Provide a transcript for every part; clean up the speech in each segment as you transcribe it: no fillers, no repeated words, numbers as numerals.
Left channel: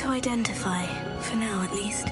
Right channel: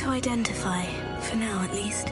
to identify, for now at least.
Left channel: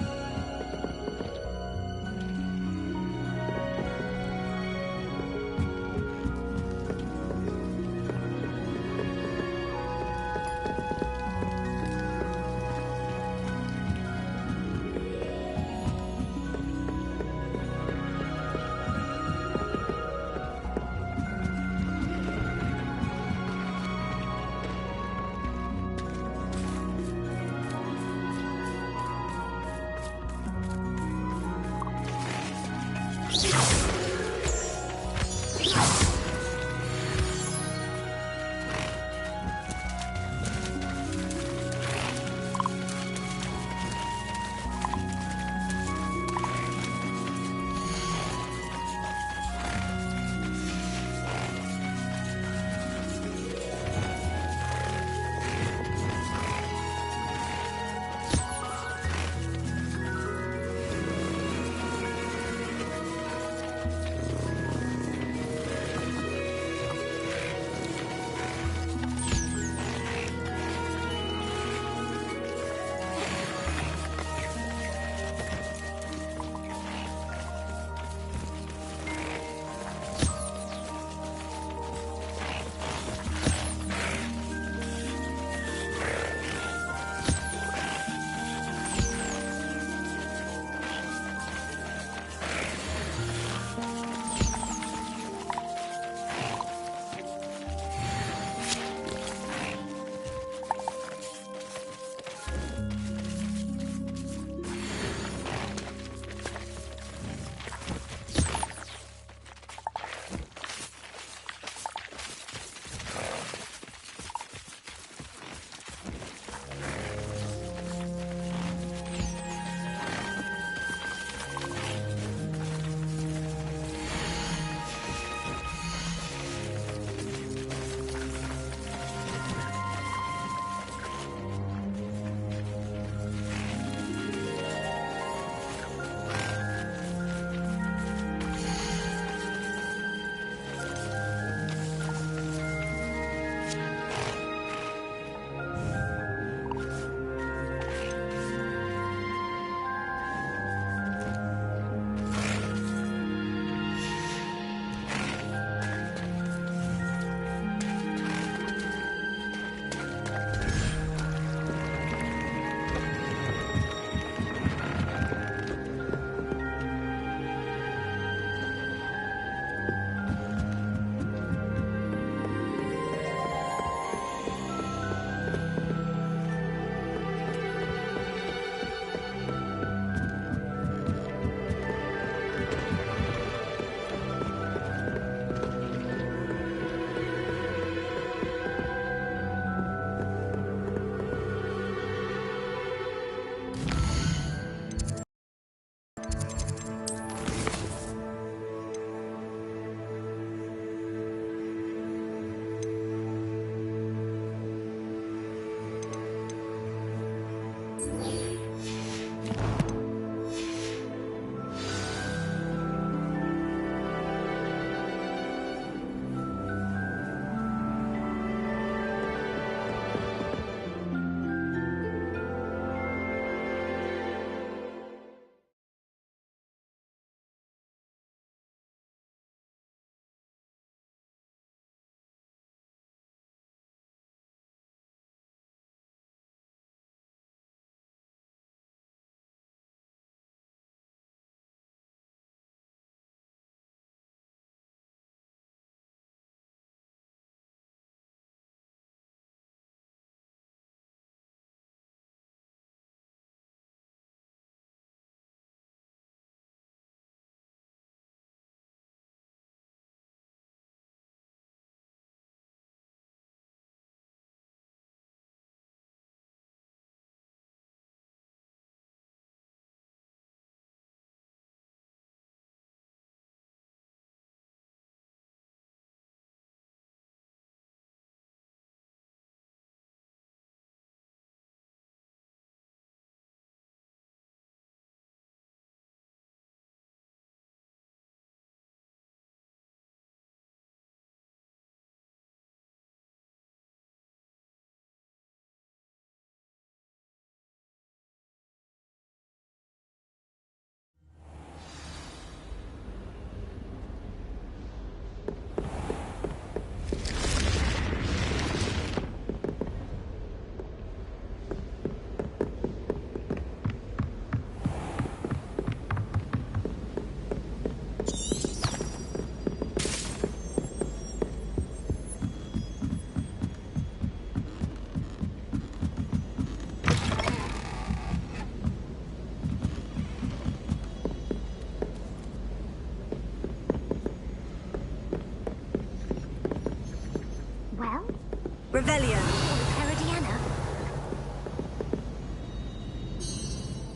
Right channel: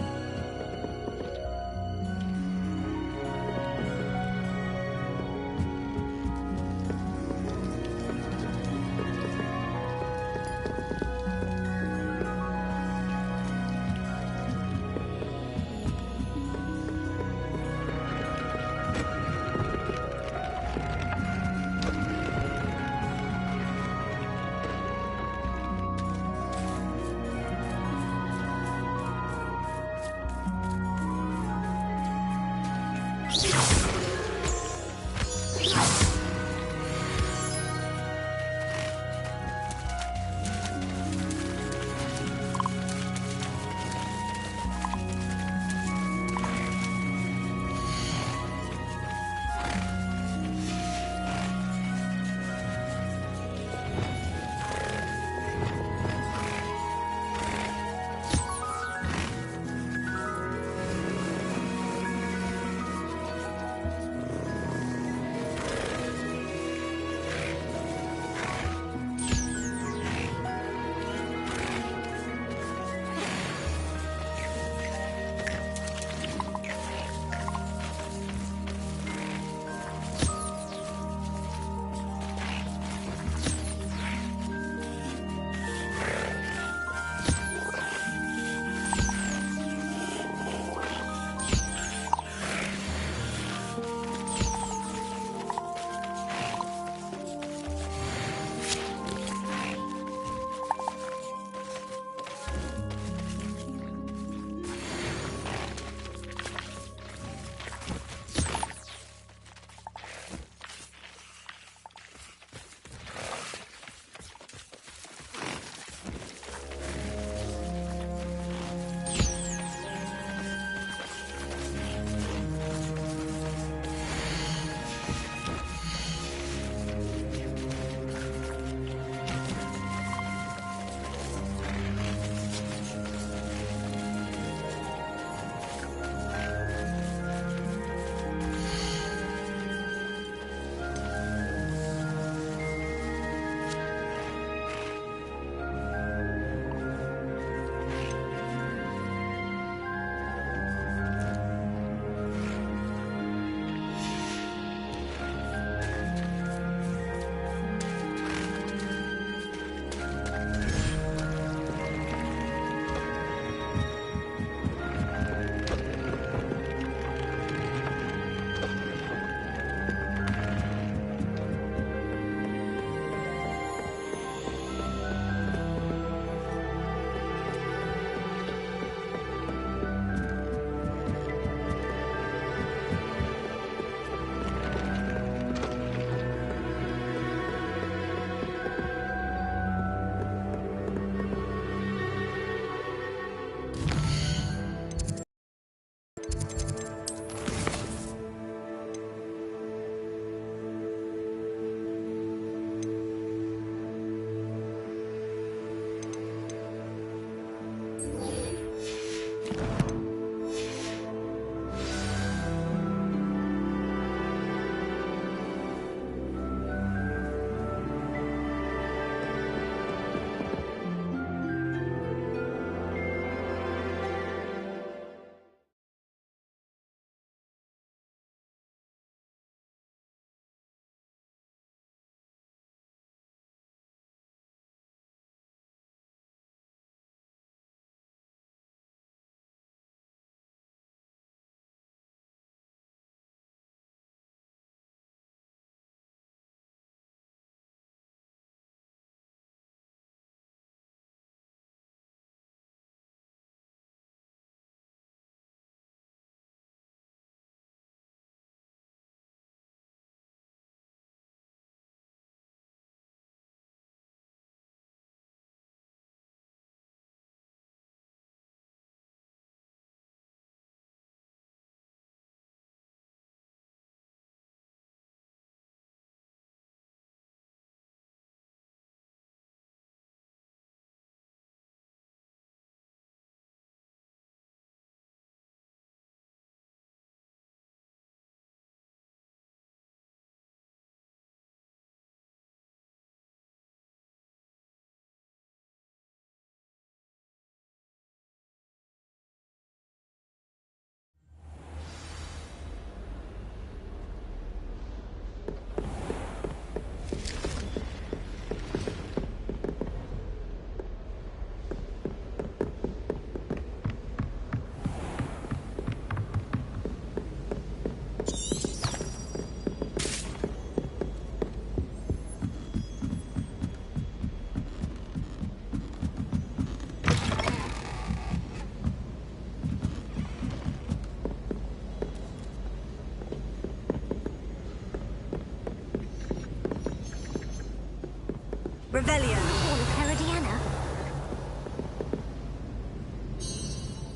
Revelio. All of Herodiana?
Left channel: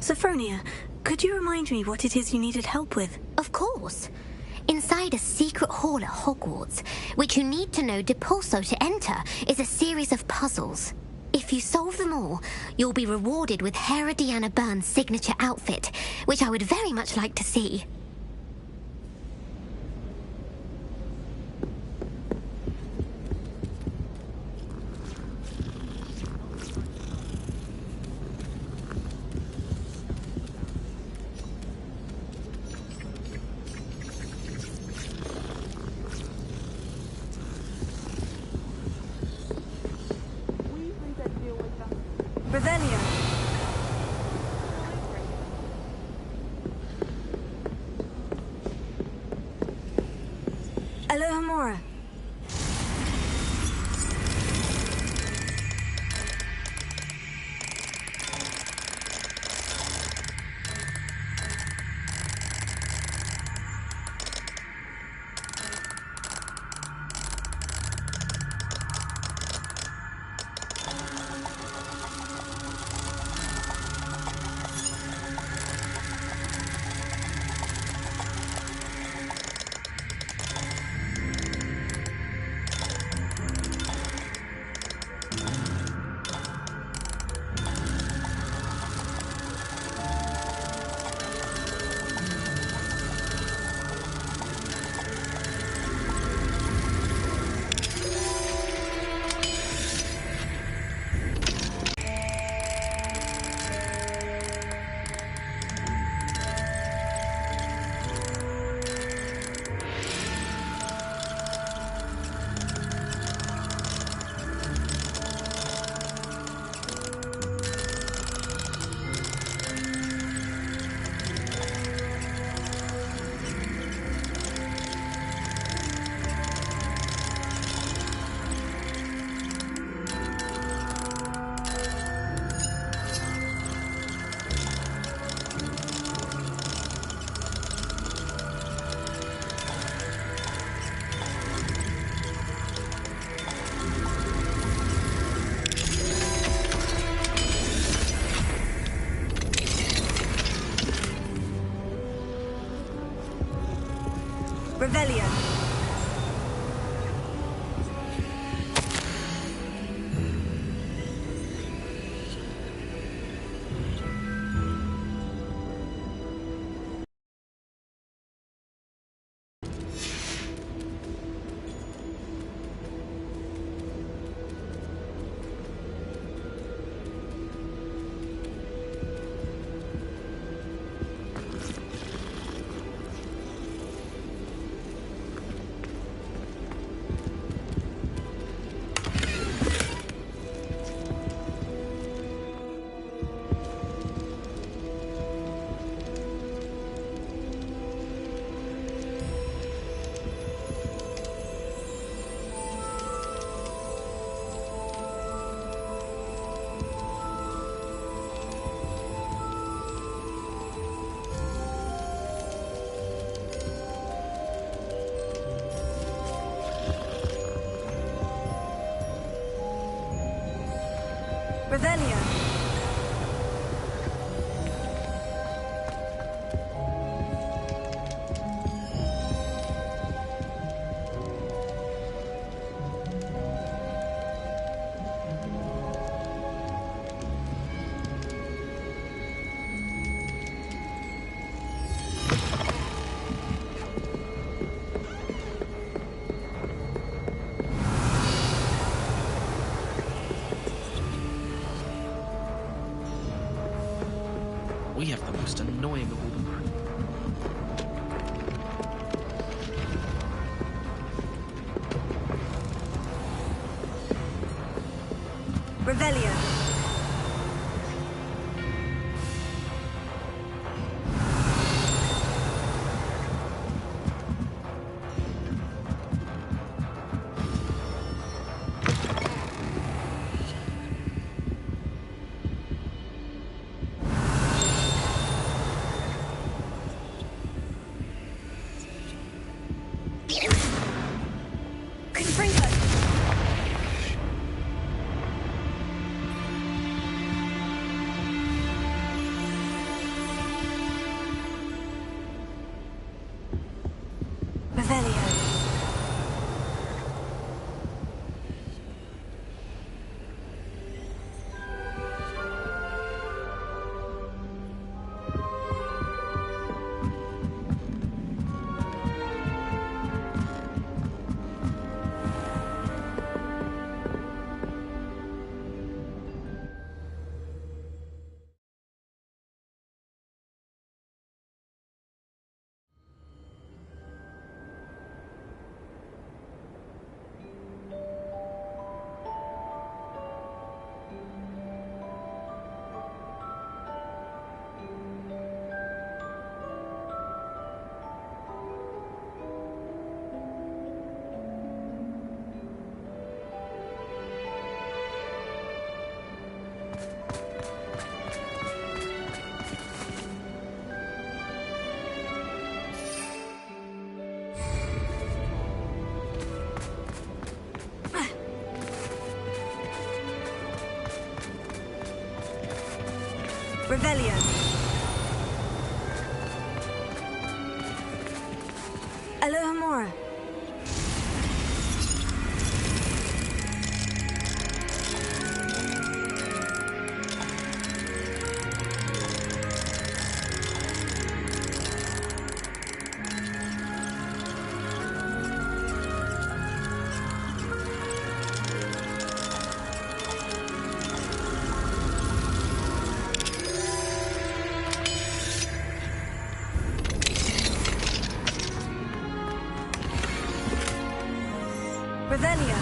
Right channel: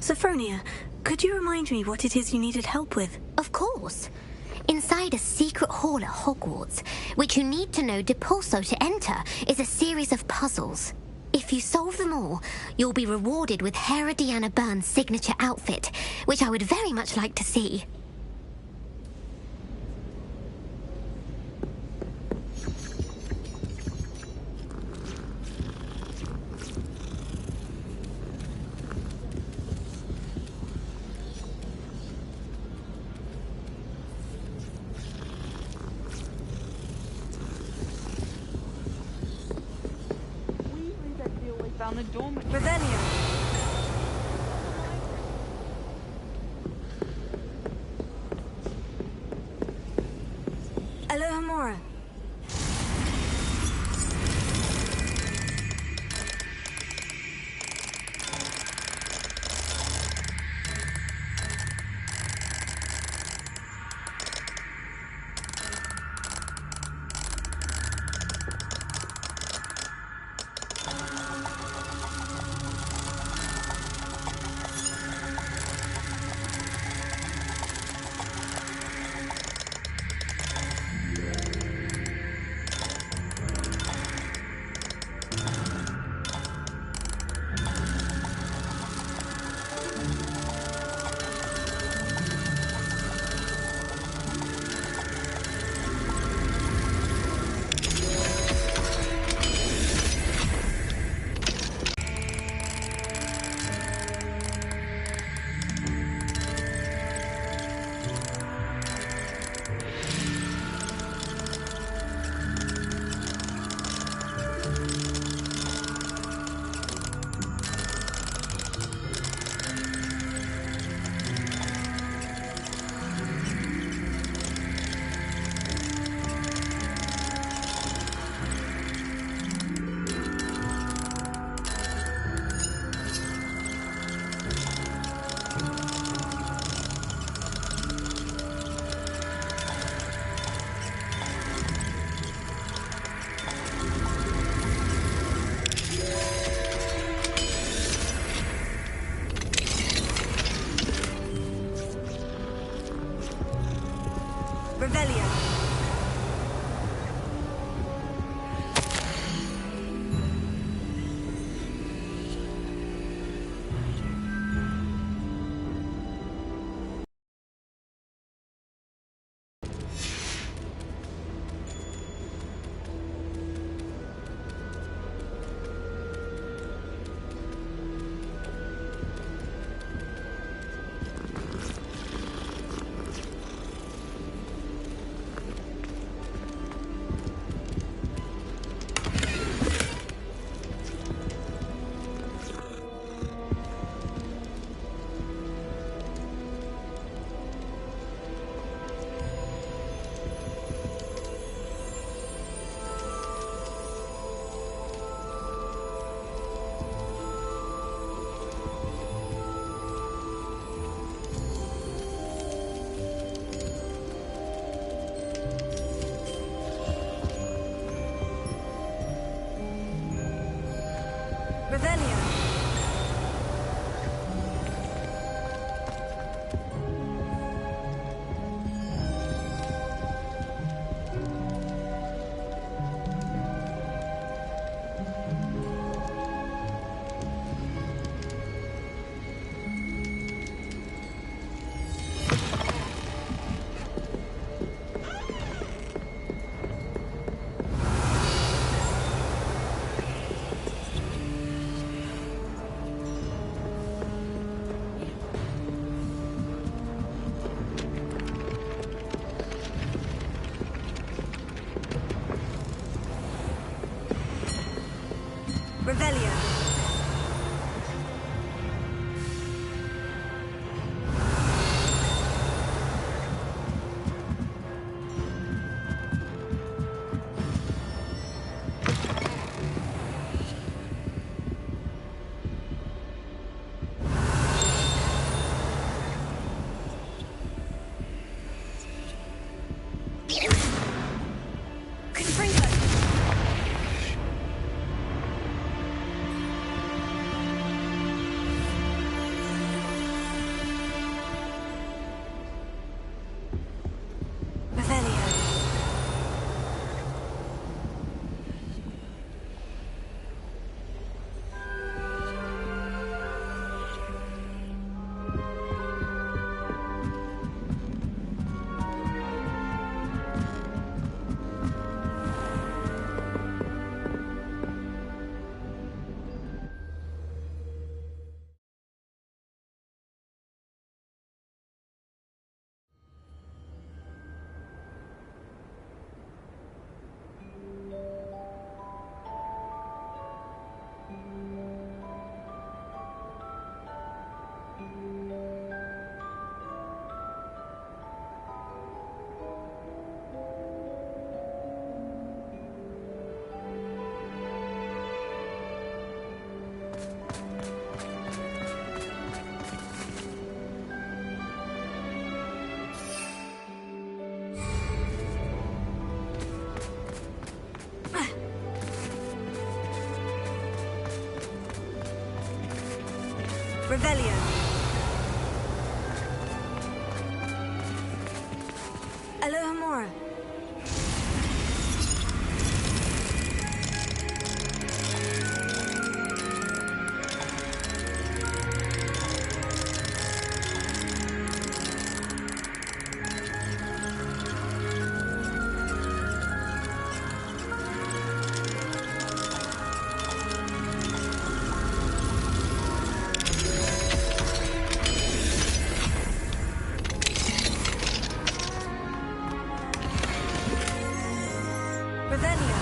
Sophronia, could you remind me what it is you needed help with? Of course. Inside a secret hall at Hogwarts, which you need to know Depulso to enter, is a series of puzzles. If you solve them all, you'll be rewarded with Herodiana Byrne's signature outfit, which I would very much like to see. Revelio. Alohomora. Revelio. Revelio. We have the most annoying of all the Revelio. Revelio. Alohomora. Revelio.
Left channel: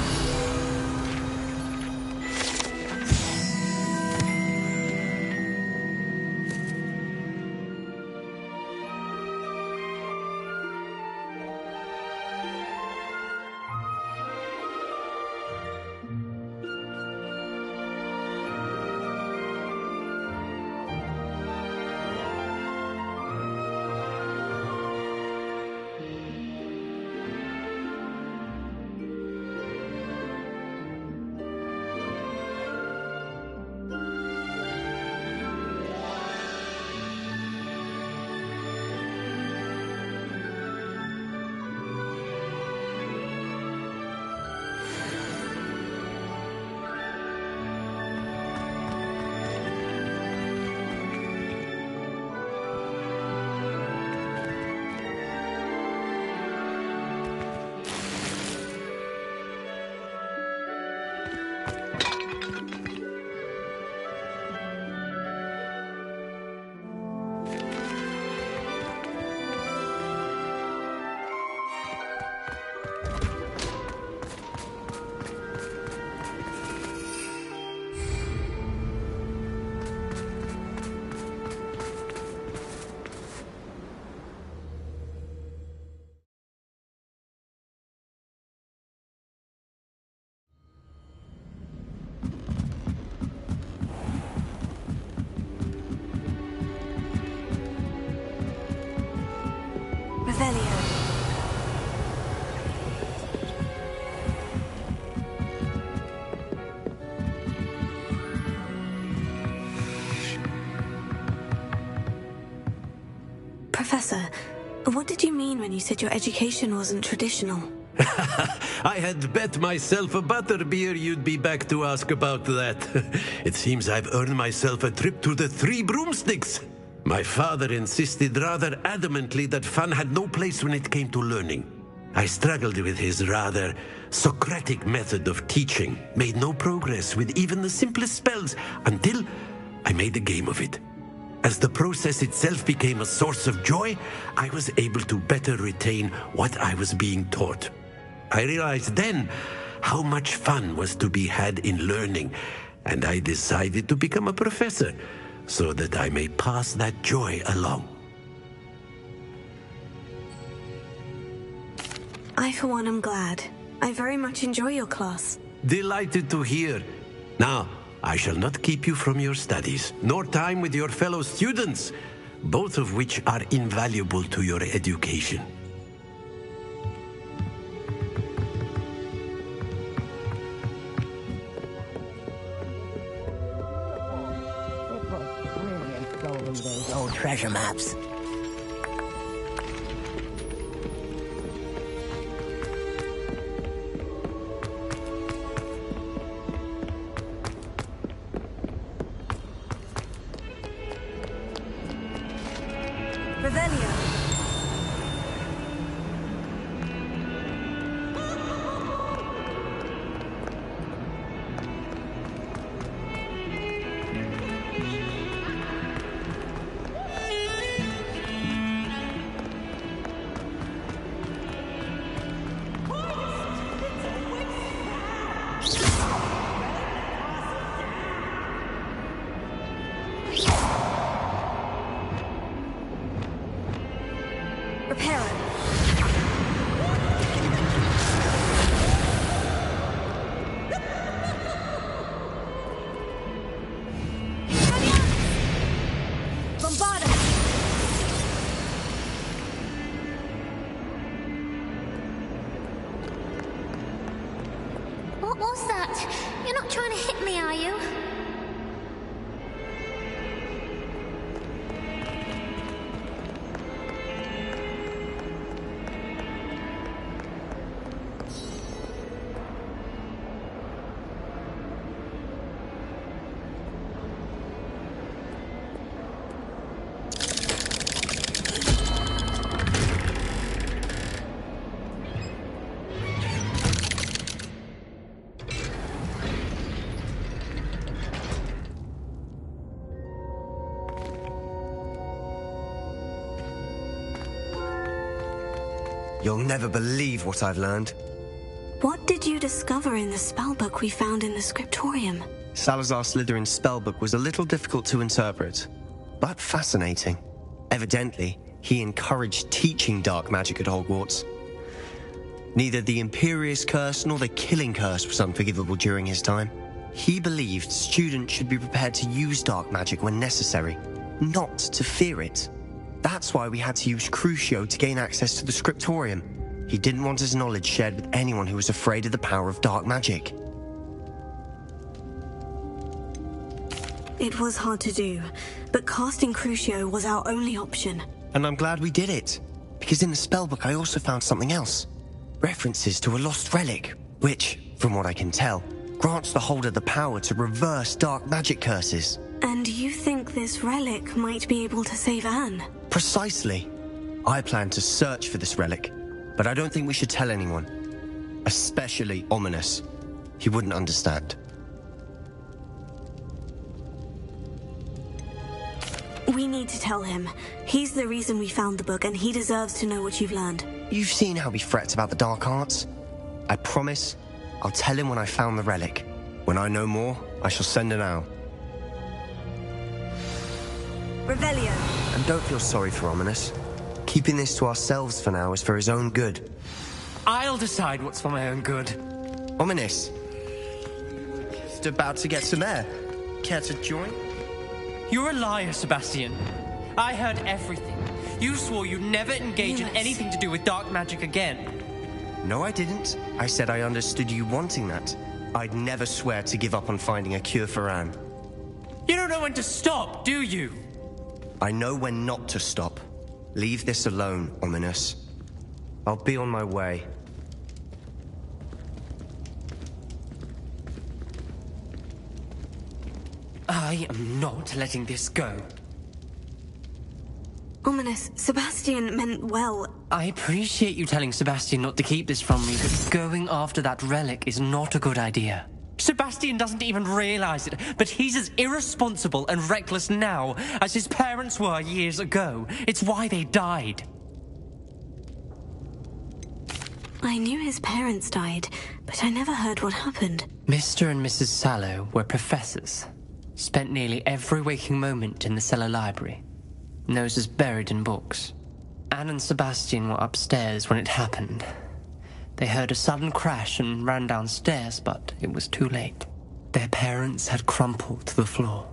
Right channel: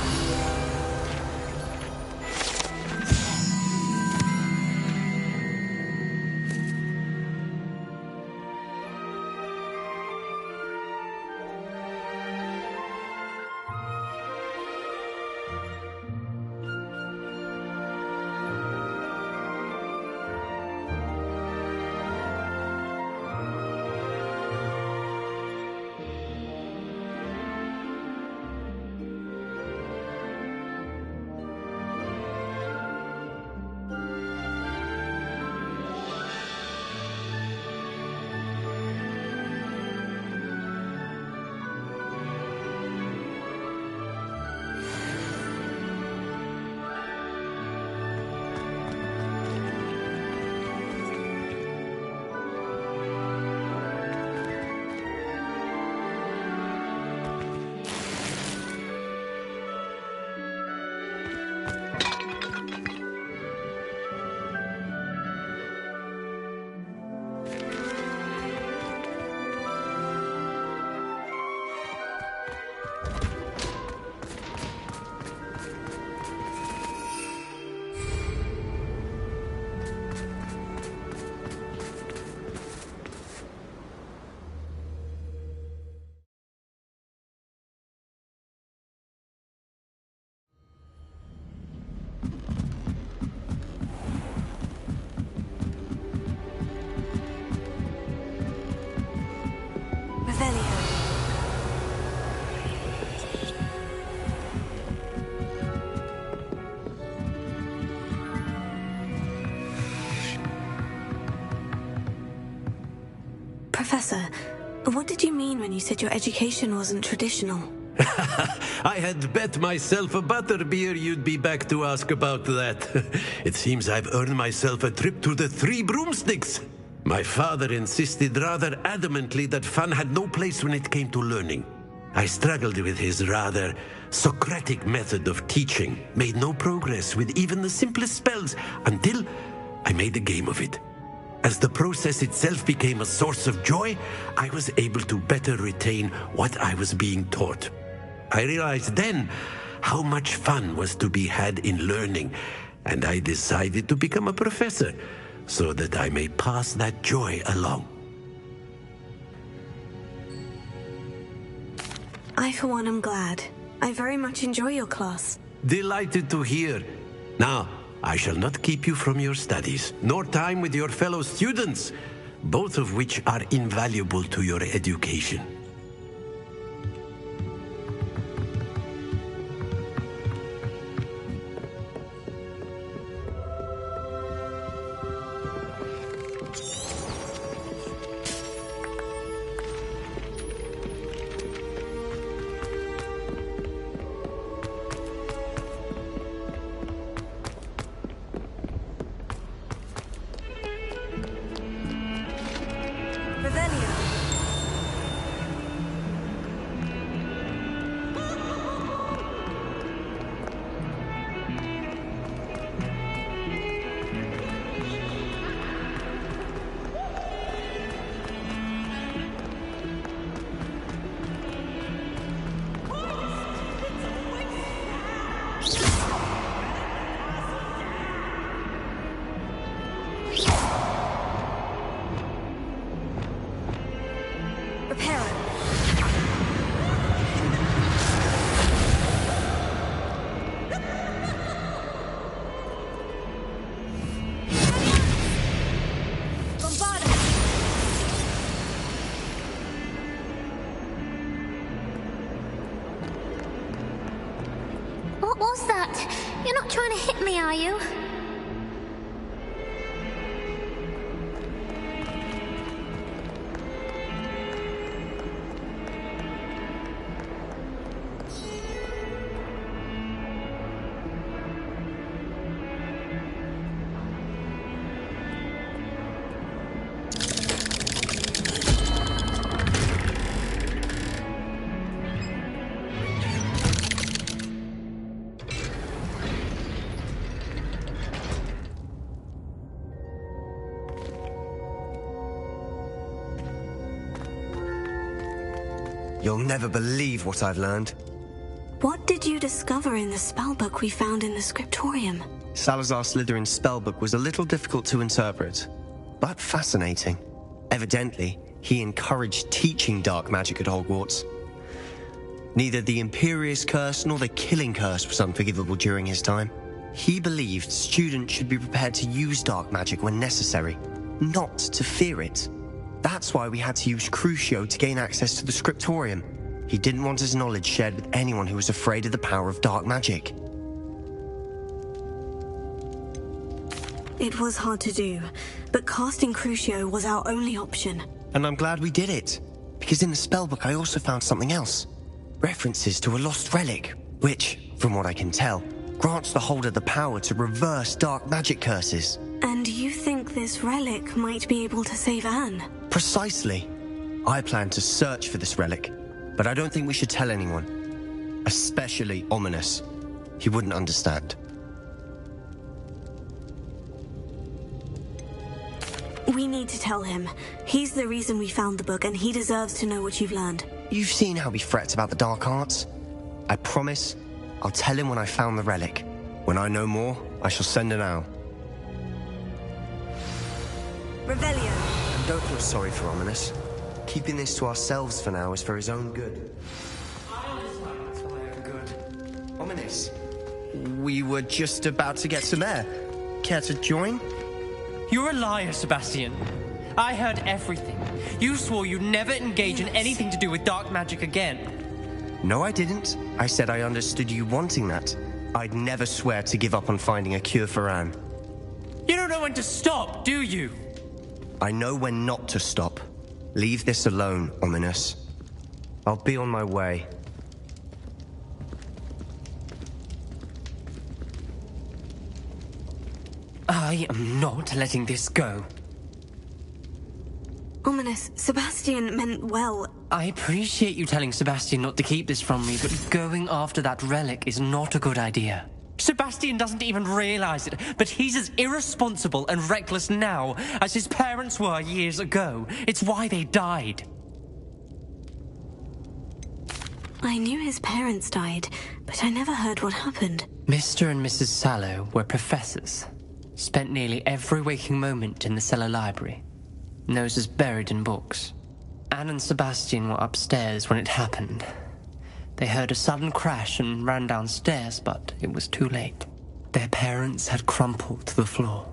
Revelio. Professor, what did you mean when you said your education wasn't traditional? I had bet myself a butterbeer you'd be back to ask about that. It seems I've earned myself a trip to the Three Broomsticks. My father insisted rather adamantly that fun had no place when it came to learning. I struggled with his rather Socratic method of teaching, made no progress with even the simplest spells until I made a game of it. As the process itself became a source of joy, I was able to better retain what I was being taught. I realized then how much fun was to be had in learning, and I decided to become a professor so that I may pass that joy along. I, for one, am glad. I very much enjoy your class. Delighted to hear. Now, I shall not keep you from your studies, nor time with your fellow students, both of which are invaluable to your education. Old treasure maps. Revelio. Repair it. Bombard it. What was that? You're not trying to hit me, are you? You'll never believe what I've learned. What did you discover in the spellbook we found in the scriptorium? Salazar Slytherin's spellbook was a little difficult to interpret, but fascinating. Evidently, he encouraged teaching dark magic at Hogwarts. Neither the Imperious Curse nor the Killing Curse was unforgivable during his time. He believed students should be prepared to use dark magic when necessary, not to fear it. That's why we had to use Crucio to gain access to the scriptorium. He didn't want his knowledge shared with anyone who was afraid of the power of dark magic. It was hard to do, but casting Crucio was our only option. And I'm glad we did it, because in the spellbook I also found something else. References to a lost relic, which, from what I can tell, grants the holder the power to reverse dark magic curses. And you think this relic might be able to save Anne? Precisely. I plan to search for this relic, but I don't think we should tell anyone. Especially Ominous. He wouldn't understand. We need to tell him. He's the reason we found the book, and he deserves to know what you've learned. You've seen how he frets about the dark arts. I promise I'll tell him when I found the relic. When I know more, I shall send an owl. Revelio. And don't feel sorry for Ominous. Keeping this to ourselves for now is for his own good. I'll decide what's for my own good. Ominous, we were just about to get some air. Care to join? You're a liar, Sebastian. I heard everything. You swore you'd never engage in anything to do with dark magic again. No, I didn't. I said I understood you wanting that. I'd never swear to give up on finding a cure for Anne. You don't know when to stop, do you? I know when not to stop. Leave this alone, Ominous. I'll be on my way. I am not letting this go. Ominous, Sebastian meant well. I appreciate you telling Sebastian not to keep this from me, but going after that relic is not a good idea. Sebastian doesn't even realize it, but he's as irresponsible and reckless now as his parents were years ago. It's why they died. I knew his parents died, but I never heard what happened. Mr. and Mrs. Sallow were professors. Spent nearly every waking moment in the cellar library. Noses buried in books. Anne and Sebastian were upstairs when it happened. They heard a sudden crash and ran downstairs, but it was too late. Their parents had crumpled to the floor.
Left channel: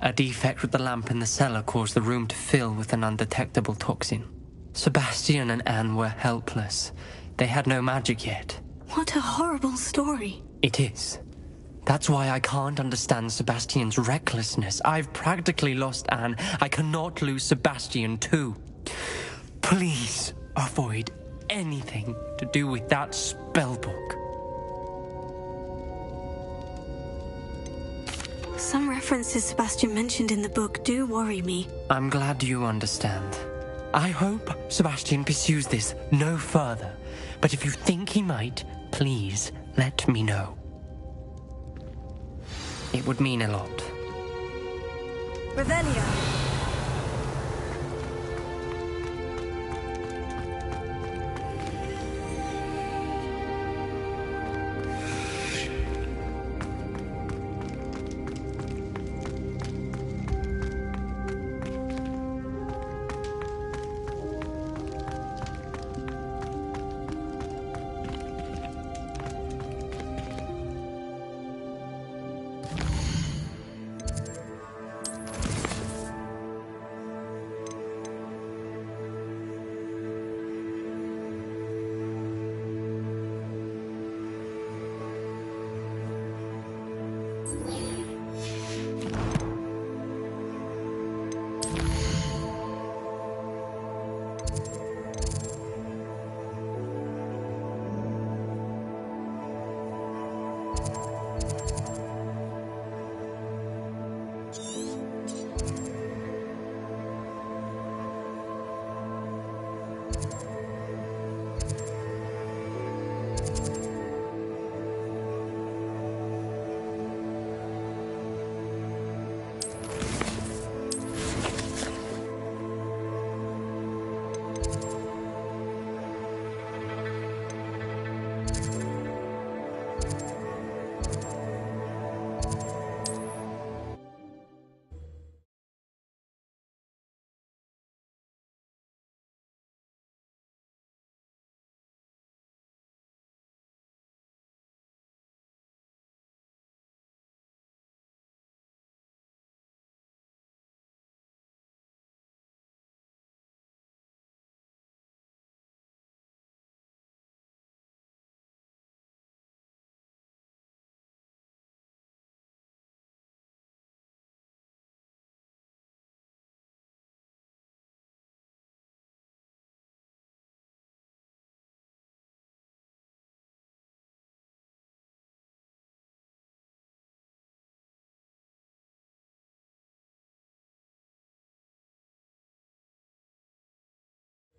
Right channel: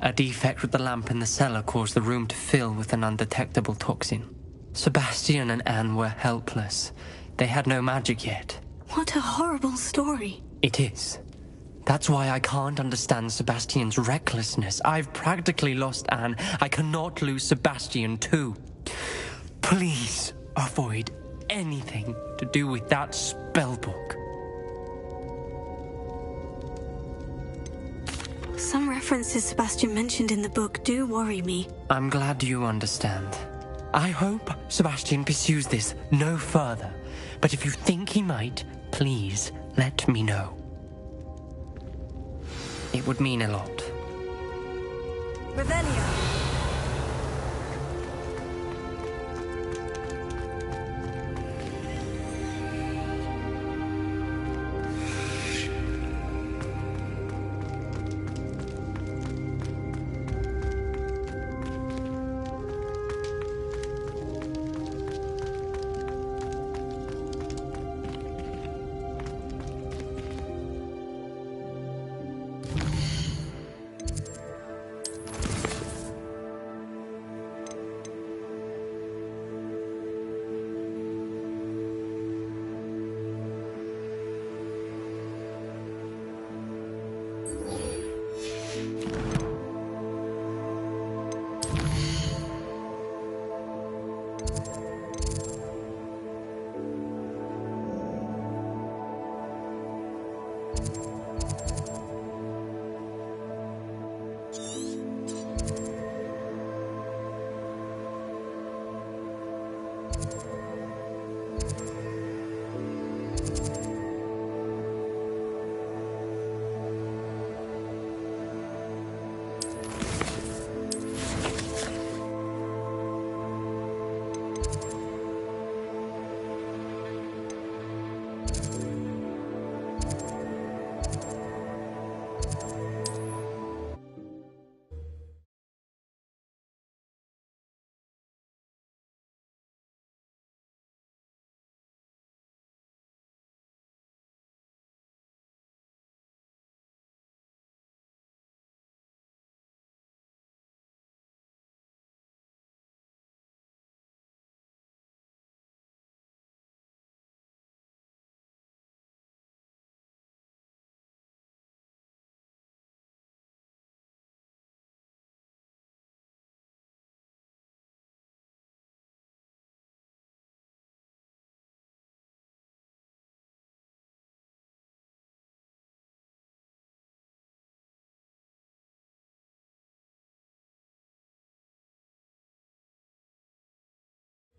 A defect with the lamp in the cellar caused the room to fill with an undetectable toxin. Sebastian and Anne were helpless. They had no magic yet. What a horrible story. It is. That's why I can't understand Sebastian's recklessness. I've practically lost Anne. I cannot lose Sebastian too. Please avoid anything to do with that spellbook. Some references Sebastian mentioned in the book do worry me. I'm glad you understand. I hope Sebastian pursues this no further. But if you think he might, please let me know. It would mean a lot. Revelio.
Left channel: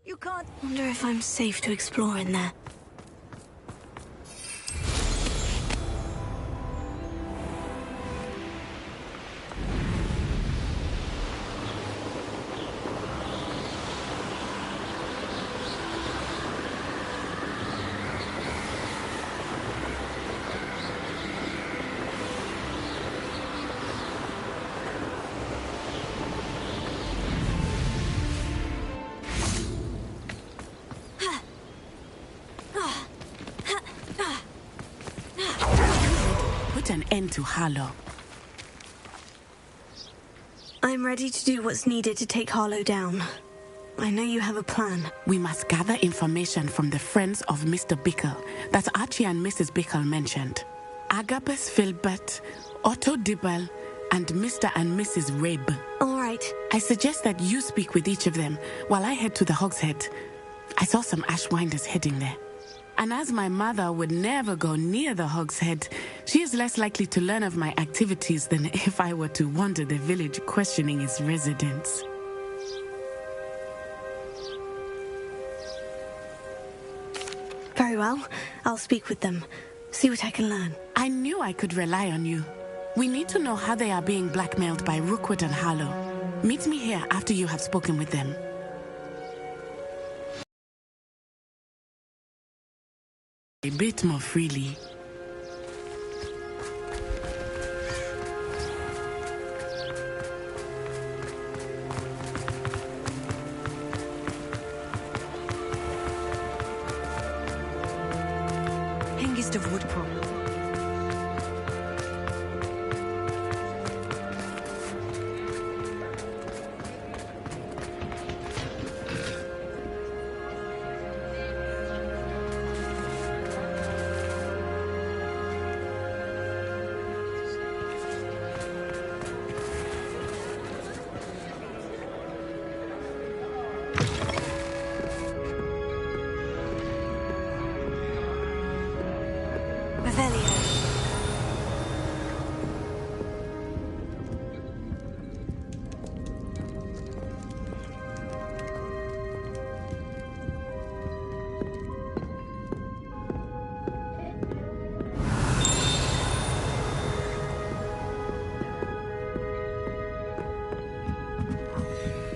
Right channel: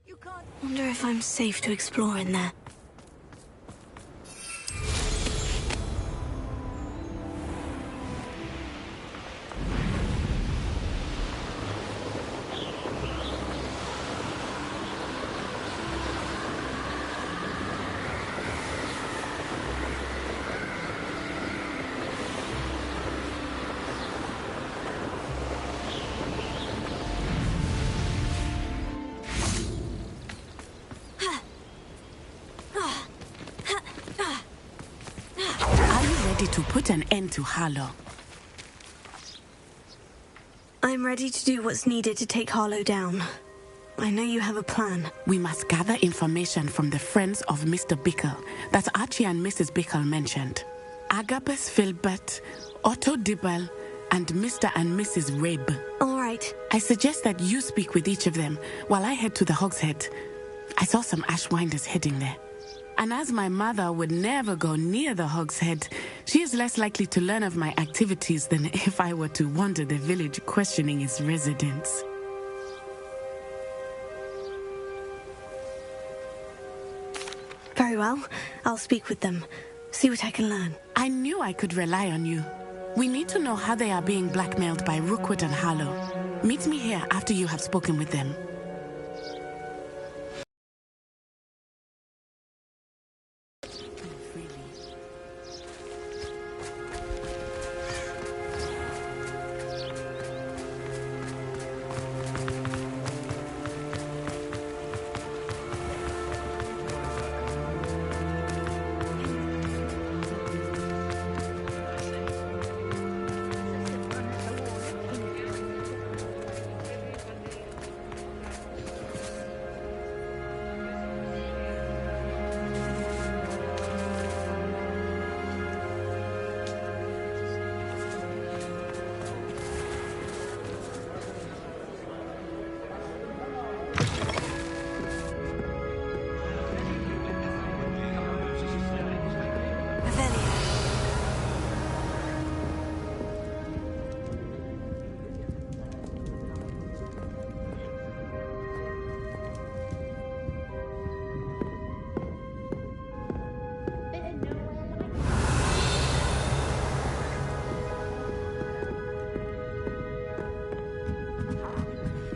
You can't... Wonder if I'm safe to explore in there. Put an end to Harlow. I'm ready to do what's needed to take Harlow down. I know you have a plan. We must gather information from the friends of Mr. Bickle that Archie and Mrs. Bickle mentioned. Agabus Filbert, Otto Dibble, and Mr. and Mrs. Rabe. All right. I suggest that you speak with each of them while I head to the Hogshead. I saw some Ashwinders heading there. And as my mother would never go near the Hogshead, she is less likely to learn of my activities than if I were to wander the village questioning its residents. Very well. I'll speak with them. See what I can learn. I knew I could rely on you. We need to know how they are being blackmailed by Rookwood and Harlow. Meet me here after you have spoken with them. A bit more freely. Hengist of Woodcroft.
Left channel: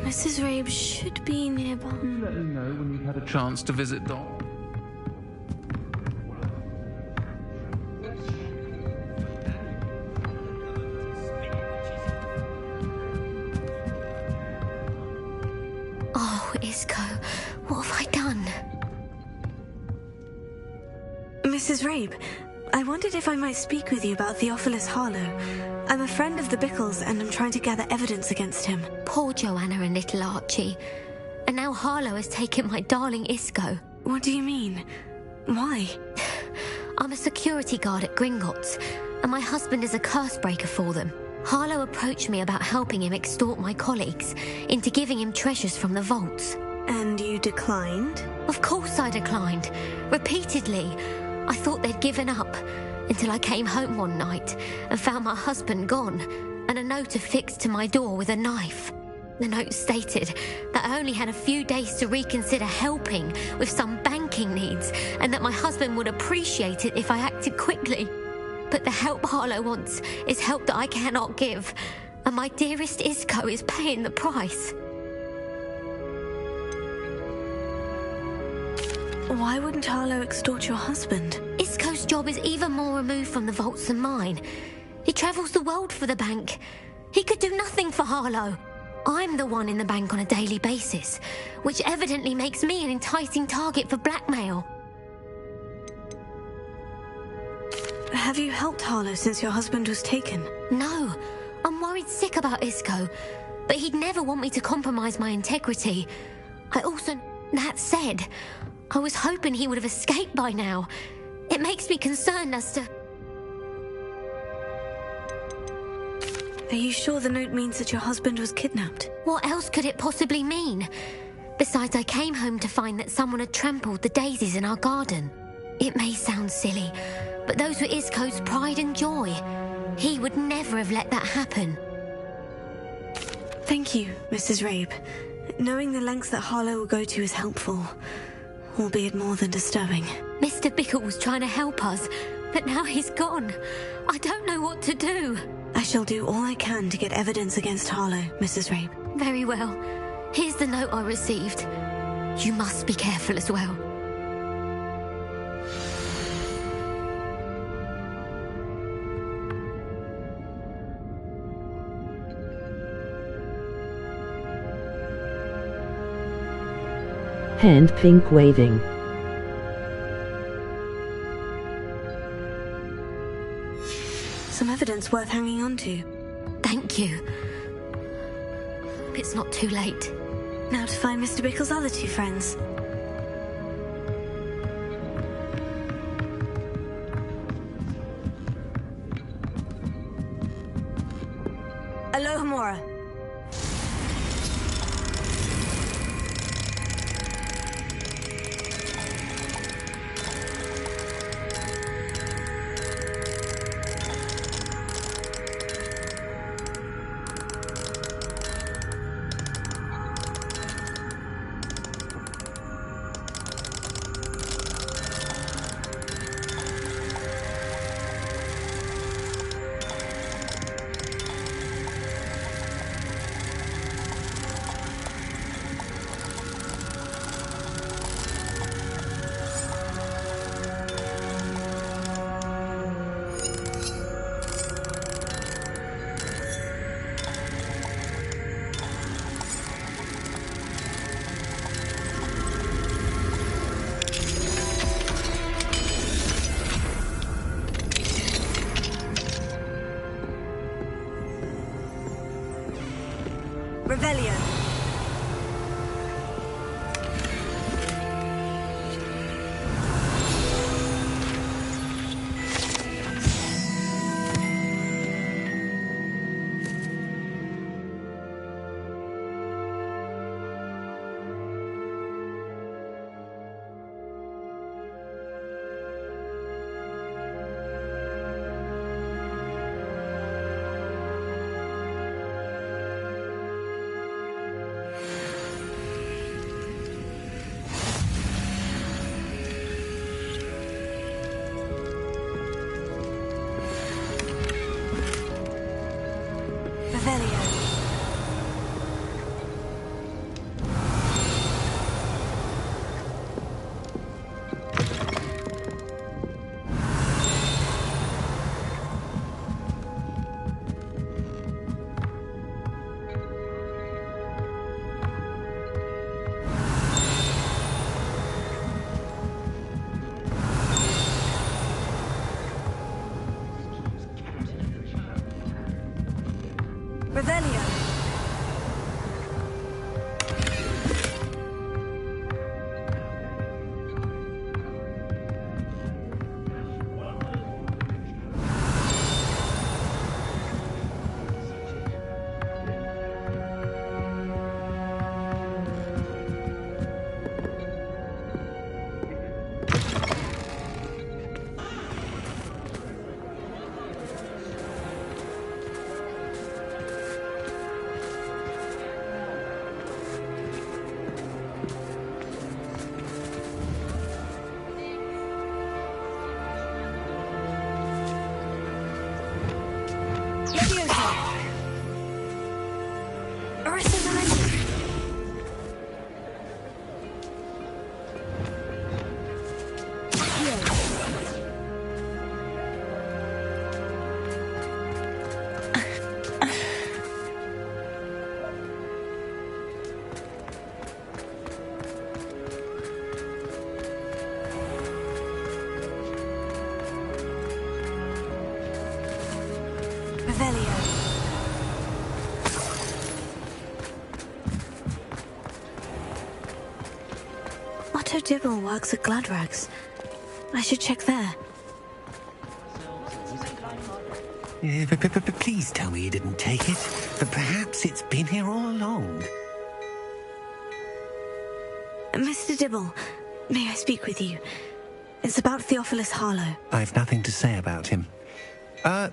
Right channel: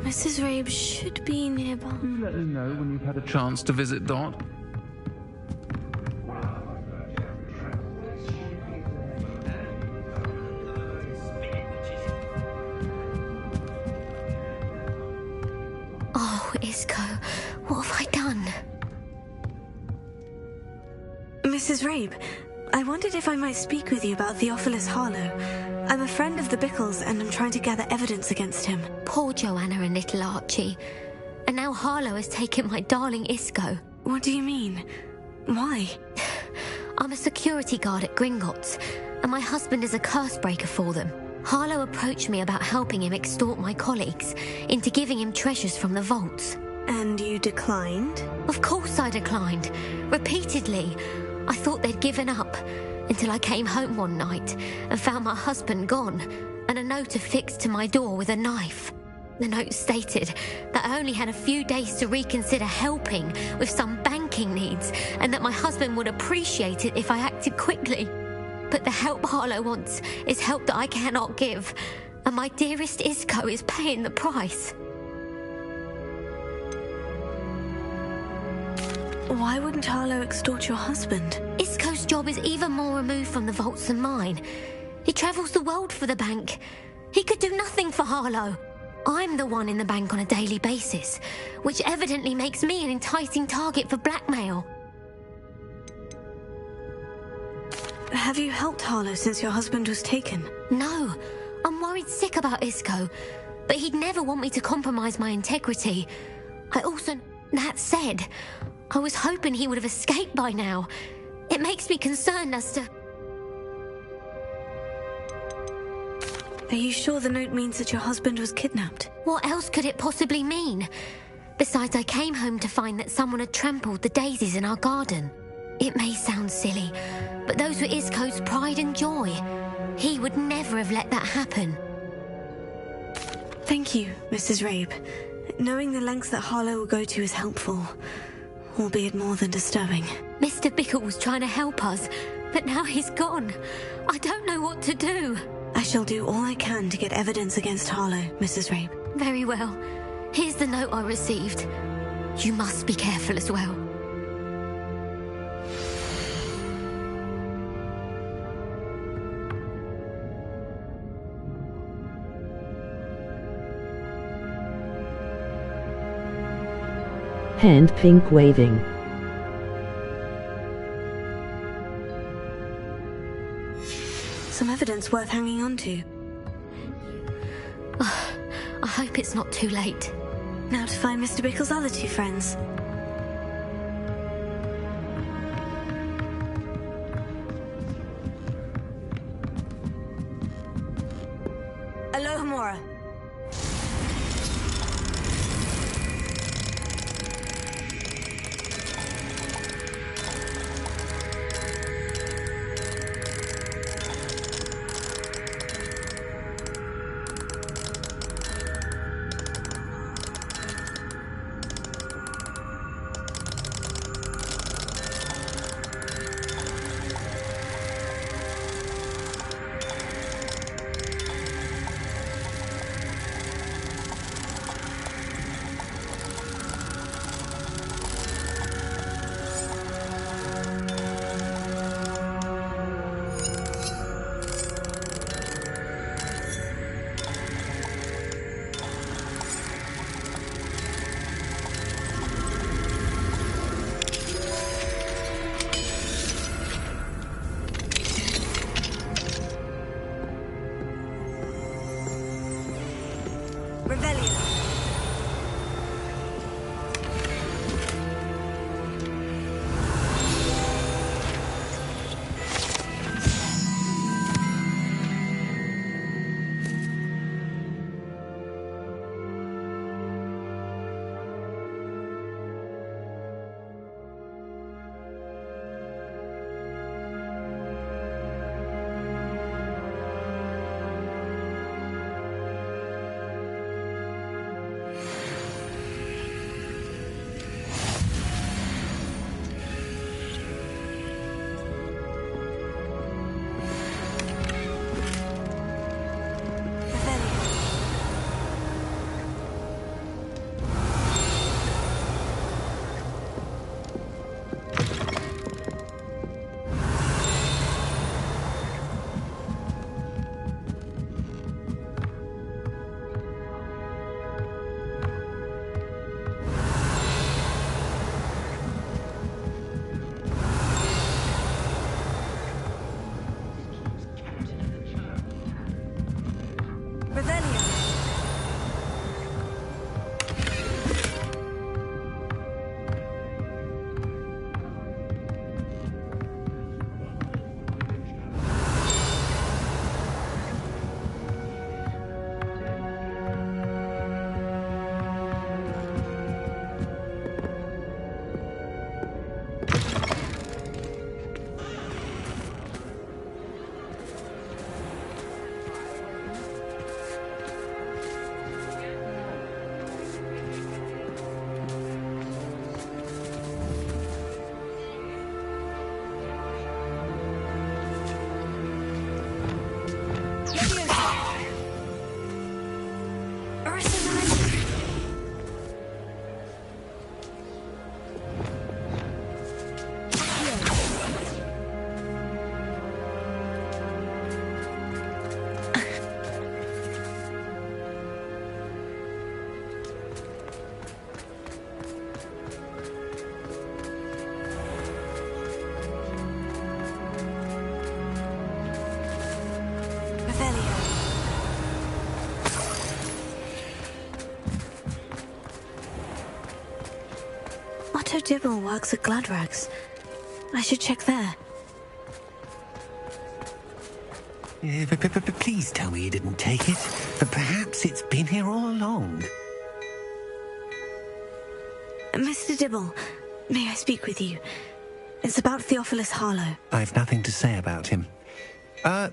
Mrs. Rabe should be nearby. Do let me know when you've had a chance to visit Dot. Oh, Isco, what have I done? Mrs. Rabe, I wondered if I might speak with you about Theophilus Harlow. I'm a friend of the Bickles and I'm trying to gather evidence against him. Poor Joanna and little Archie. And now Harlow has taken my darling Isco. What do you mean? Why? I'm a security guard at Gringotts, and my husband is a curse breaker for them. Harlow approached me about helping him extort my colleagues into giving him treasures from the vaults. And you declined? Of course I declined. Repeatedly. I thought they'd given up, until I came home one night and found my husband gone, and a note affixed to my door with a knife. The note stated that I only had a few days to reconsider helping with some banking needs, and that my husband would appreciate it if I acted quickly. But the help Harlow wants is help that I cannot give, and my dearest Isco is paying the price. Why wouldn't Harlow extort your husband? Isco's job is even more removed from the vaults than mine. He travels the world for the bank. He could do nothing for Harlow. I'm the one in the bank on a daily basis, which evidently makes me an enticing target for blackmail. Have you helped Harlow since your husband was taken? No, I'm worried sick about Isco, but he'd never want me to compromise my integrity. That said, I was hoping he would have escaped by now. It makes me concerned as to... Are you sure the note means that your husband was kidnapped? What else could it possibly mean? Besides, I came home to find that someone had trampled the daisies in our garden. It may sound silly, but those were Isco's pride and joy. He would never have let that happen. Thank you, Mrs. Rabe. Knowing the lengths that Harlow will go to is helpful, albeit more than disturbing. Mr. Bickle was trying to help us, but now he's gone. I don't know what to do. I shall do all I can to get evidence against Harlow, Mrs. Rape. Very well. Here's the note I received. You must be careful as well. Hand pink waving. Some evidence worth hanging on to. Thank you. Oh, I hope it's not too late. Now to find Mr. Bickle's other two friends. Alohomora. Revelio. Otto Dibble works at Gladrags. I should check there. Please tell me you didn't take it. But perhaps it's been here all along. Mr. Dibble, may I speak with you? It's about Theophilus Harlow. I've nothing to say about him.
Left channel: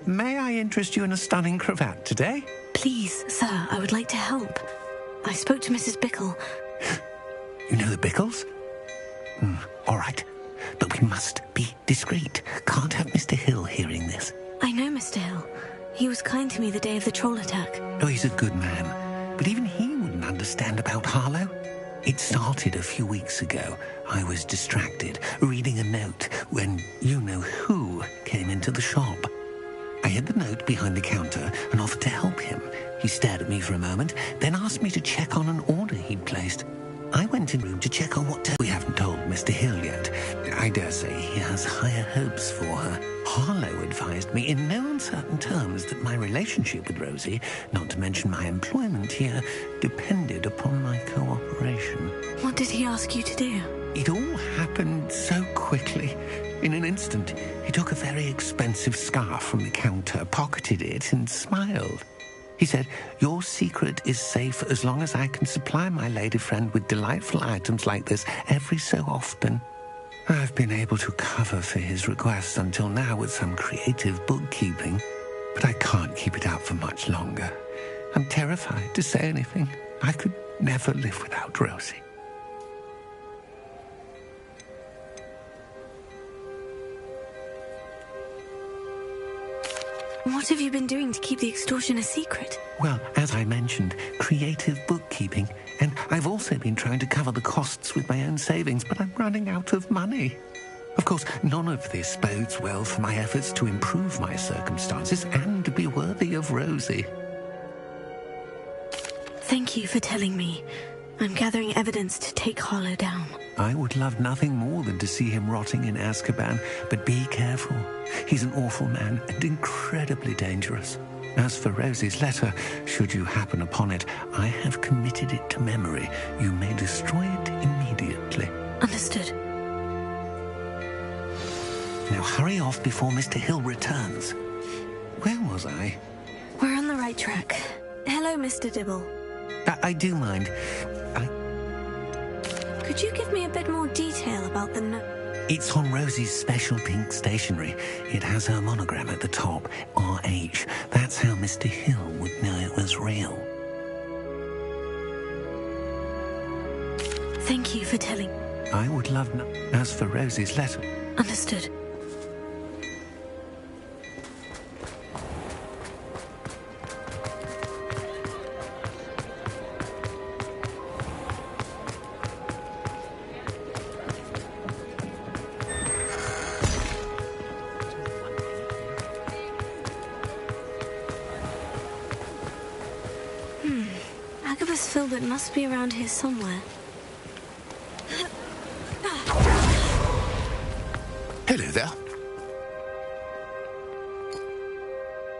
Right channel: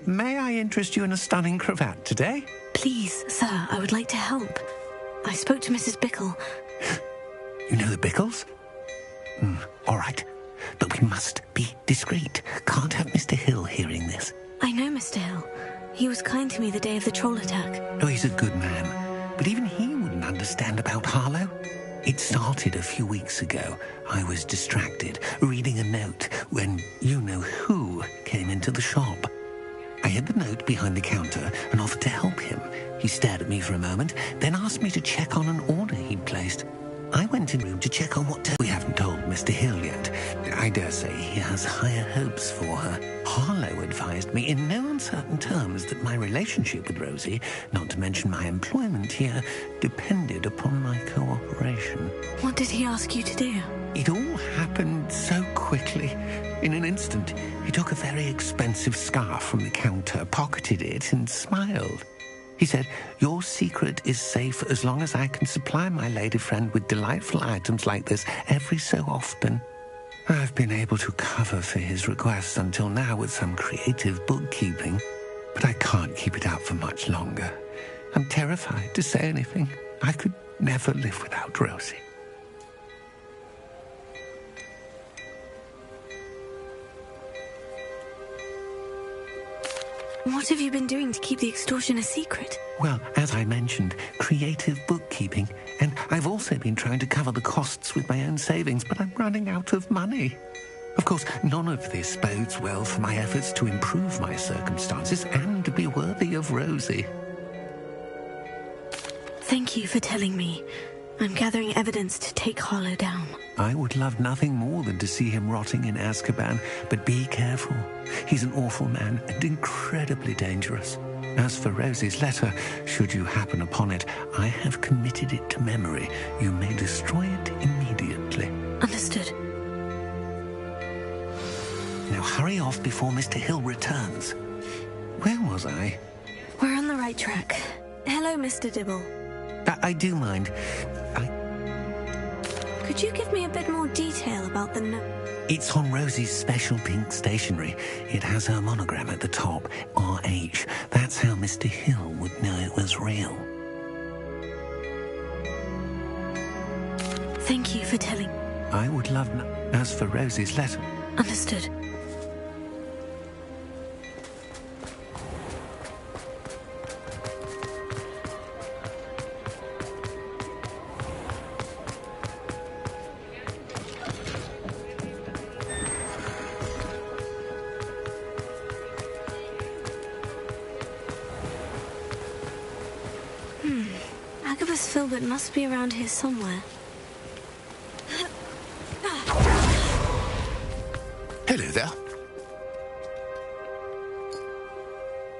May I interest you in a stunning cravat today? Please, sir, I would like to help. I spoke to Mrs. Bickle. You know the Bickles? All right. But we must be discreet. Can't have Mr. Hill hearing this. I know Mr. Hill. He was kind to me the day of the troll attack. Oh, he's a good man. But even he wouldn't understand about Harlow. It started a few weeks ago. I was distracted, reading a note, when you-know-who came into the shop. I hid the note behind the counter and offered to help him. He stared at me for a moment, then asked me to check on an order he'd placed. I went in the room to check on what we haven't told Mr. Hill yet. I dare say he has higher hopes for her. Harlow advised me in no uncertain terms that my relationship with Rosie, not to mention my employment here, depended upon my cooperation. What did he ask you to do? It all happened so quickly. In an instant, he took a very expensive scarf from the counter, pocketed it, and smiled. He said, "Your secret is safe as long as I can supply my lady friend with delightful items like this every so often." I've been able to cover for his requests until now with some creative bookkeeping, but I can't keep it up for much longer. I'm terrified to say anything. I could never live without Rosie. What have you been doing to keep the extortion a secret? Well, as I mentioned, creative bookkeeping. And I've also been trying to cover the costs with my own savings, but I'm running out of money. Of course, none of this bodes well for my efforts to improve my circumstances and be worthy of Rosie. Thank you for telling me. I'm gathering evidence to take Harlow down. I would love nothing more than to see him rotting in Azkaban, but be careful. He's an awful man and incredibly dangerous. As for Rosie's letter, should you happen upon it, I have committed it to memory. You may destroy it immediately. Understood. Now hurry off before Mr. Hill returns. Where was I? We're on the right track. Hello, Mr. Dibble. I do mind. Could you give me a bit more detail about the note? It's on Rosie's special pink stationery. It has her monogram at the top, RH. That's how Mr. Hill would know it was real. Thank you for telling. I would love As for Rosie's letter... Understood. Filbert must be around here somewhere. Hello there.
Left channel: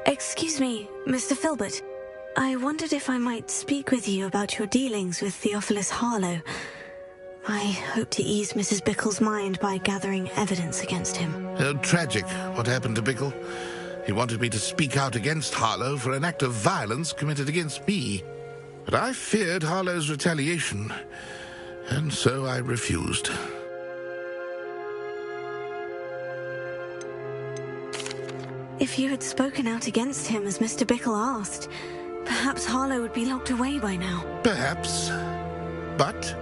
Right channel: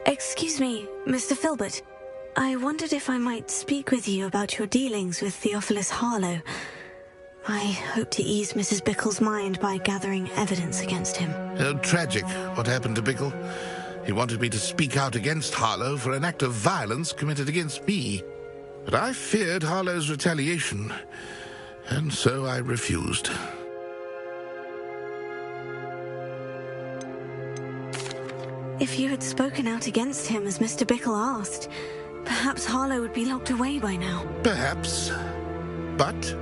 Excuse me, Mr. Filbert. I wondered if I might speak with you about your dealings with Theophilus Harlow. I hope to ease Mrs. Bickle's mind by gathering evidence against him. Oh, tragic what happened to Bickle. He wanted me to speak out against Harlow for an act of violence committed against me. But I feared Harlow's retaliation, and so I refused. If you had spoken out against him as Mr. Bickle asked, perhaps Harlow would be locked away by now. Perhaps. But...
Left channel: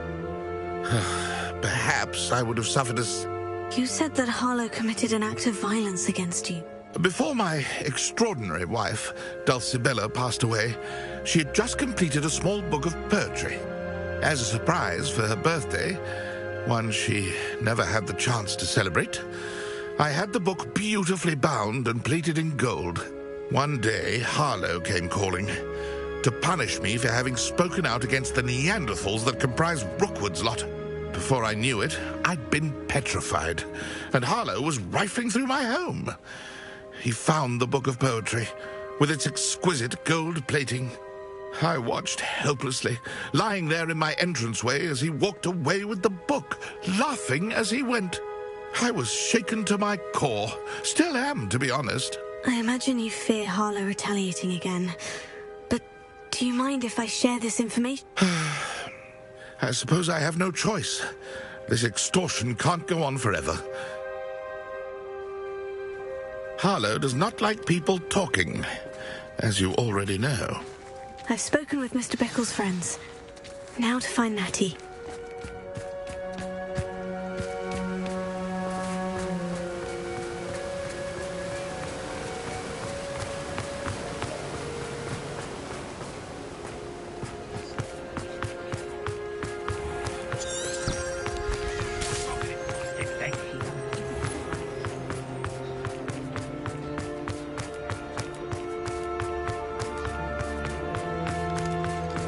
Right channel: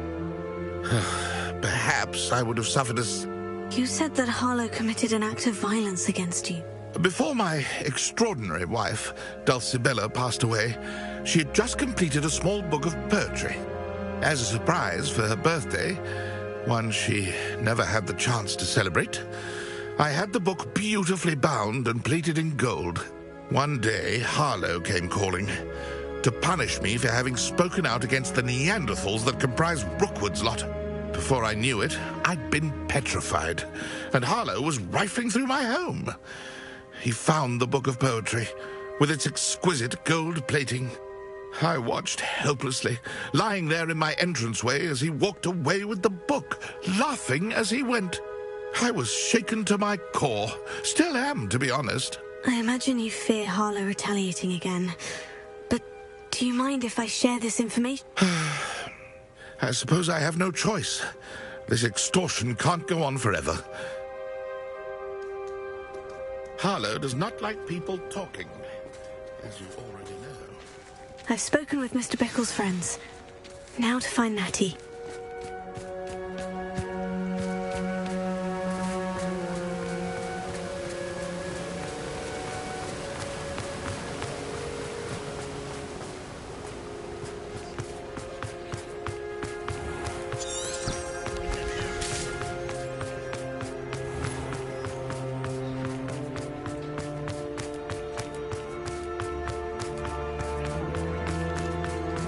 perhaps I would have suffered as... You said that Harlow committed an act of violence against you. Before my extraordinary wife, Dulcibella, passed away, she had just completed a small book of poetry. As a surprise for her birthday, one she never had the chance to celebrate, I had the book beautifully bound and plated in gold. One day, Harlow came calling to punish me for having spoken out against the Neanderthals that comprise Rookwood's lot. Before I knew it, I'd been petrified, and Harlow was rifling through my home. He found the book of poetry, with its exquisite gold plating. I watched helplessly, lying there in my entranceway as he walked away with the book, laughing as he went. I was shaken to my core. Still am, to be honest. I imagine you fear Harlow retaliating again. But do you mind if I share this information? I suppose I have no choice. This extortion can't go on forever. Harlow does not like people talking, as you already know. I've spoken with Mr. Bickle's friends. Now to find Natty.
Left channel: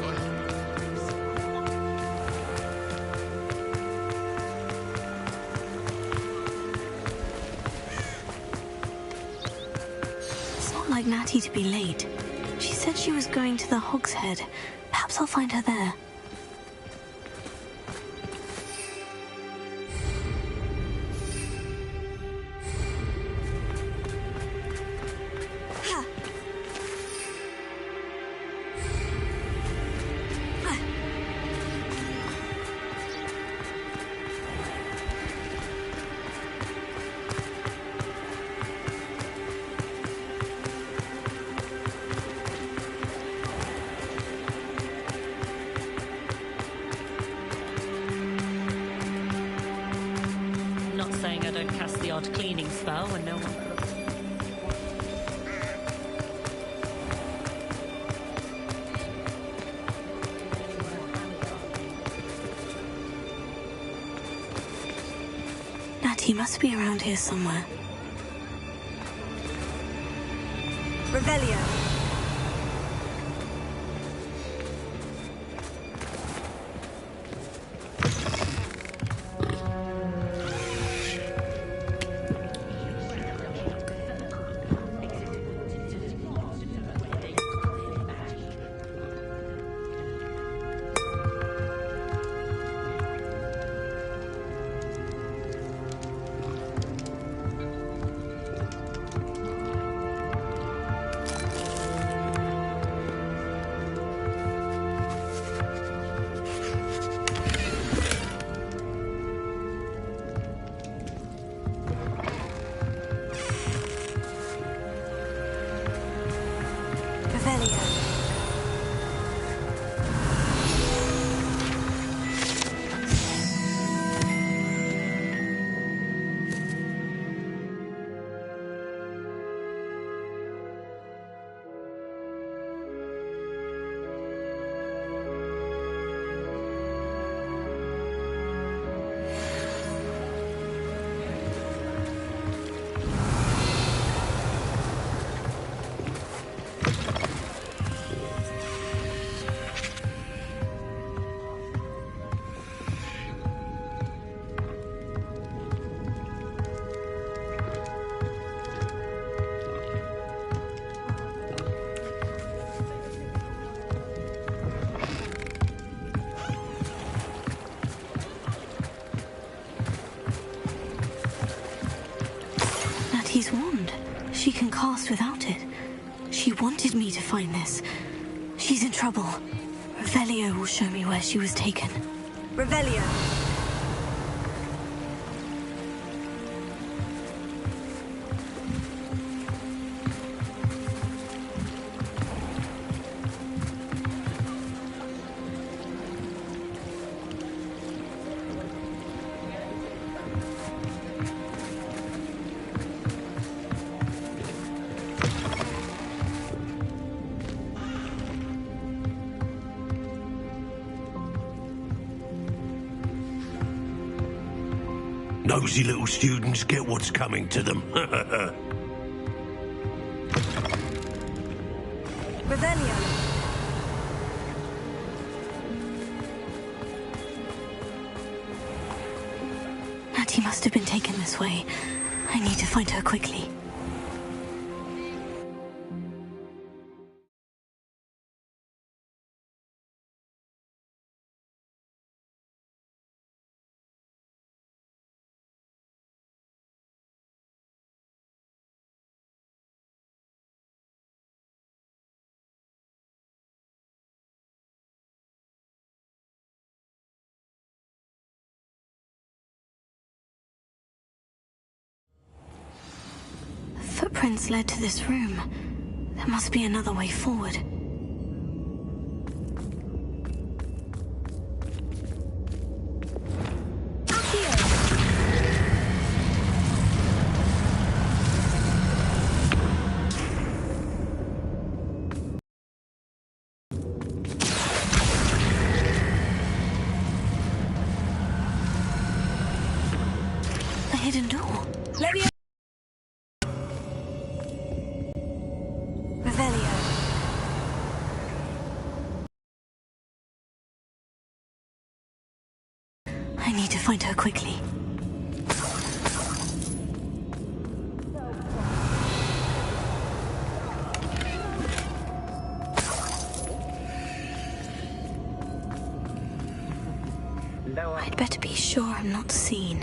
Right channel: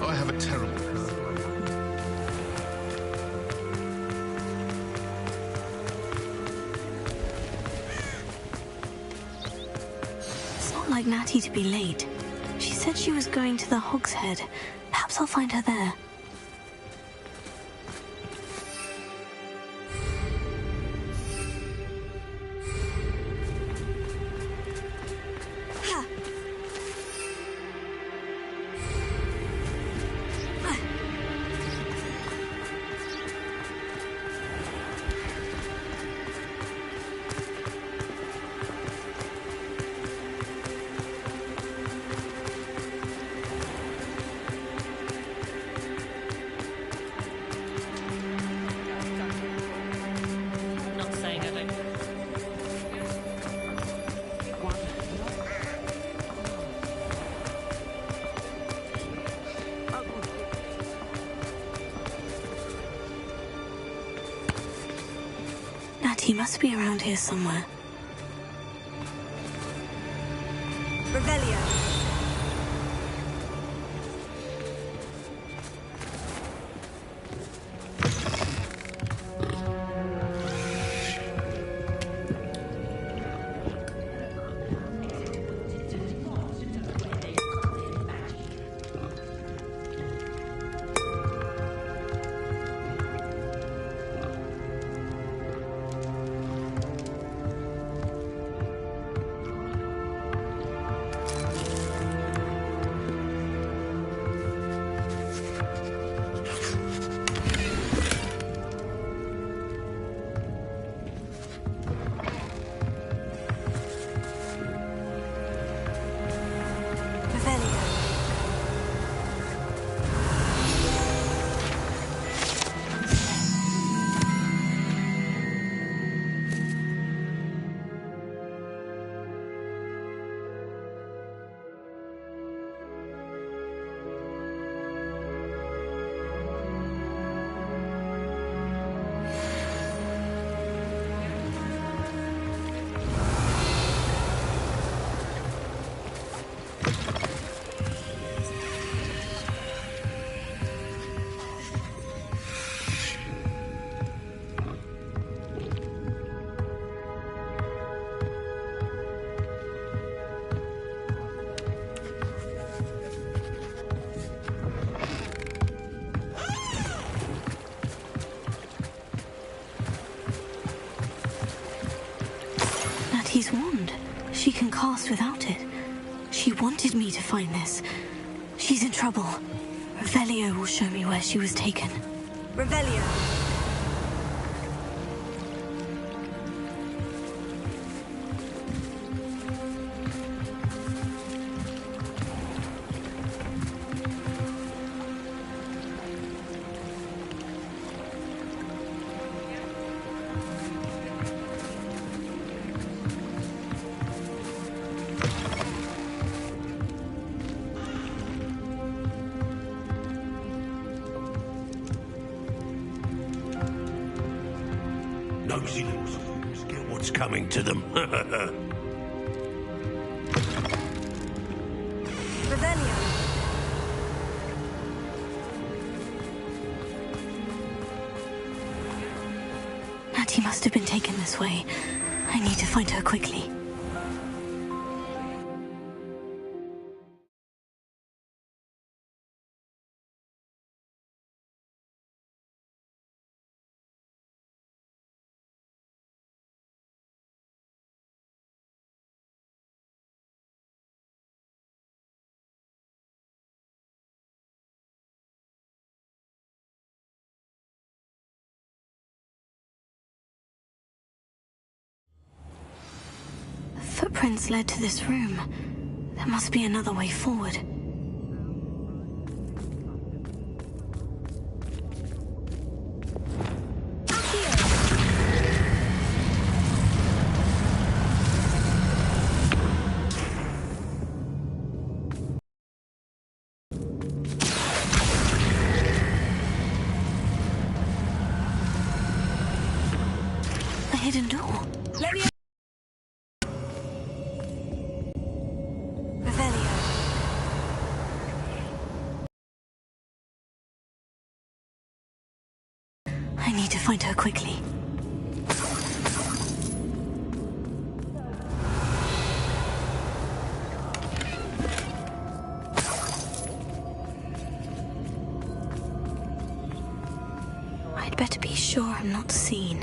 Oh, I have a terrible cold. It's not like Natty to be late. She said she was going to the Hog's Head. Perhaps I'll find her there. Not saying I don't cast the odd cleaning spell when no one Natty must be around here somewhere. Revelio. Natty's wand. She can cast without it. She wanted me to find this. She's in trouble. Revelio will show me where she was taken. Revelio. Nosy little students get what's coming to them. Revelio. Natty must have been taken this way. I need to find her quickly. Footprints led to this room. There must be another way forward. hidden door. Revelio. I need to find her quickly. I'd better be sure I'm not seen.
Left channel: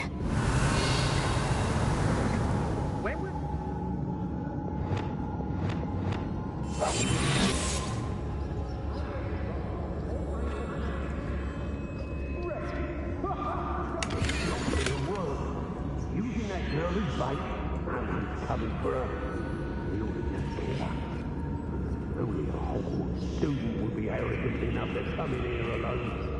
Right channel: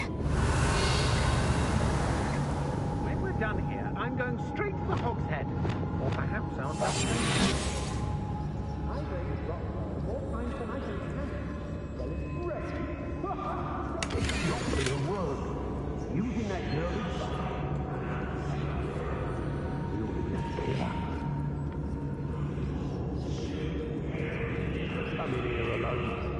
When we're done here, I'm going straight to the Hog's Head. Or perhaps I'll... Using that girl as bait, and coming for her. We ought to just kill her. Only the whole student would be arrogant enough to come in here alone.